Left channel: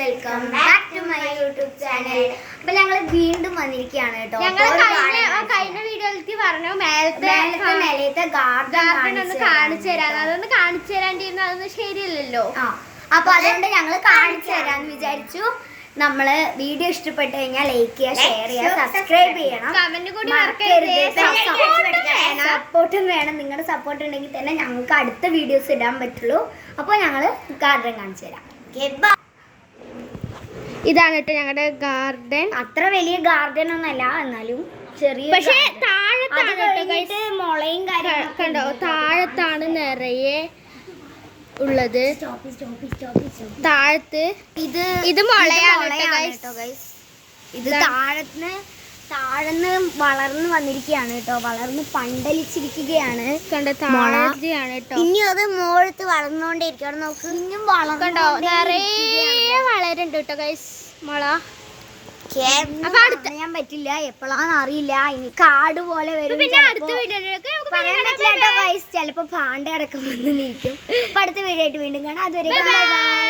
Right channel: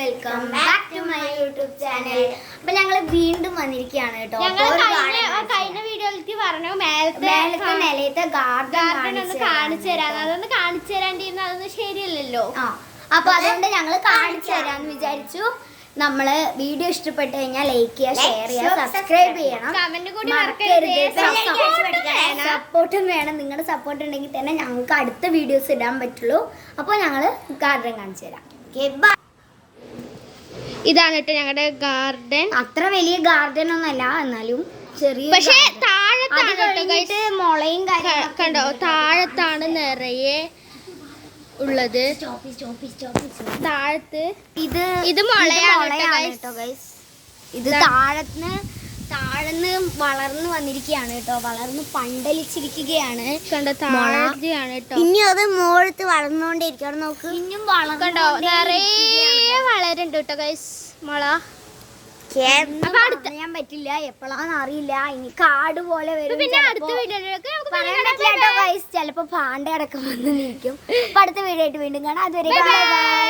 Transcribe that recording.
Welcome back to my YouTube channel. അപ്പൊ ഞങ്ങൾ വീണ്ടും വന്നിരിക്കുകയാണ് കേട്ടോ. കഴിഞ്ഞ വീഡിയോയിലേക്ക് പറഞ്ഞു മേലത്തെ ഗാർഡൻ ഒന്ന് കാണിച്ചു തരാം. അതൊന്ന് കാണിച്ചു തരാണ്ടിരുന്ന അതൊന്നും ശരിയല്ലല്ലോ. അപ്പൊ അതുകൊണ്ട് ഞങ്ങൾ കാണിച്ചു തരാന്ന് വിചാരിച്ചു. നമ്മള് വീഡിയോ ഇഷ്ടപ്പെട്ടു കഴിഞ്ഞാൽ ലൈക്ക് ചെയ്യുക, ഷെയർ ചെയ്യുക, സബ്സ്ക്രൈബ് ചെയ്യണം, കമന്റ് കൂടി മറക്കരുത്. സപ്പോർട്ടും വേണം. നിങ്ങളുടെ സപ്പോർട്ട് ഉണ്ടെങ്കിൽ തന്നെ ഞങ്ങൾക്ക് അടുത്ത വീഡിയോസ് ഇടാൻ പറ്റുള്ളൂ. അപ്പോൾ ഞങ്ങള് ഗാർഡൻ കാണിച്ചു തരാം. ഇതാണ് കേട്ടോ ഞങ്ങളുടെ ഗാർഡൻ. അത്ര വലിയ ഗാർഡൻ ഒന്നല്ല, എന്നാലും ചെറിയ, പക്ഷെ താഴത്താണ് കേട്ടോ മുളയും കണ്ടോ, താഴത്താണ് നിറയെ ഉള്ളത്. താഴത്ത് ഇത് മുളയാണ് കേട്ടോ ഗൈസ്. ഇത് താഴന്ന് വളർന്ന് വന്നിരിക്കുകയാണ് കേട്ടോ. വളർന്ന് പന്തലിച്ചിരിക്കുകയാണ്. കണ്ടോ, താഴത്തെയാണ് കേട്ടോ. ഇനി അത് മുകളിലത്ത് വളർന്നുകൊണ്ടിരിക്കുകയാണ്. നോക്ക്, ഇനിയും കണ്ടോ നിറയെ വളരുന്നുണ്ട് കേട്ടോ ഗൈസ് മുള. ഞാൻ പറ്റില്ല, എപ്പോഴാന്ന് അറിയില്ല. ഇനി കാട് പോലെ വരും. പിന്നെ അടുത്ത വീഡിയോ ചിലപ്പോ പാണ്ട അടക്കം വന്ന് നിൽക്കും. അപ്പൊ അടുത്ത വീഡിയോ ആയിട്ട് വീണ്ടും കാണാം. അതുവരെ ബൈ ബൈ.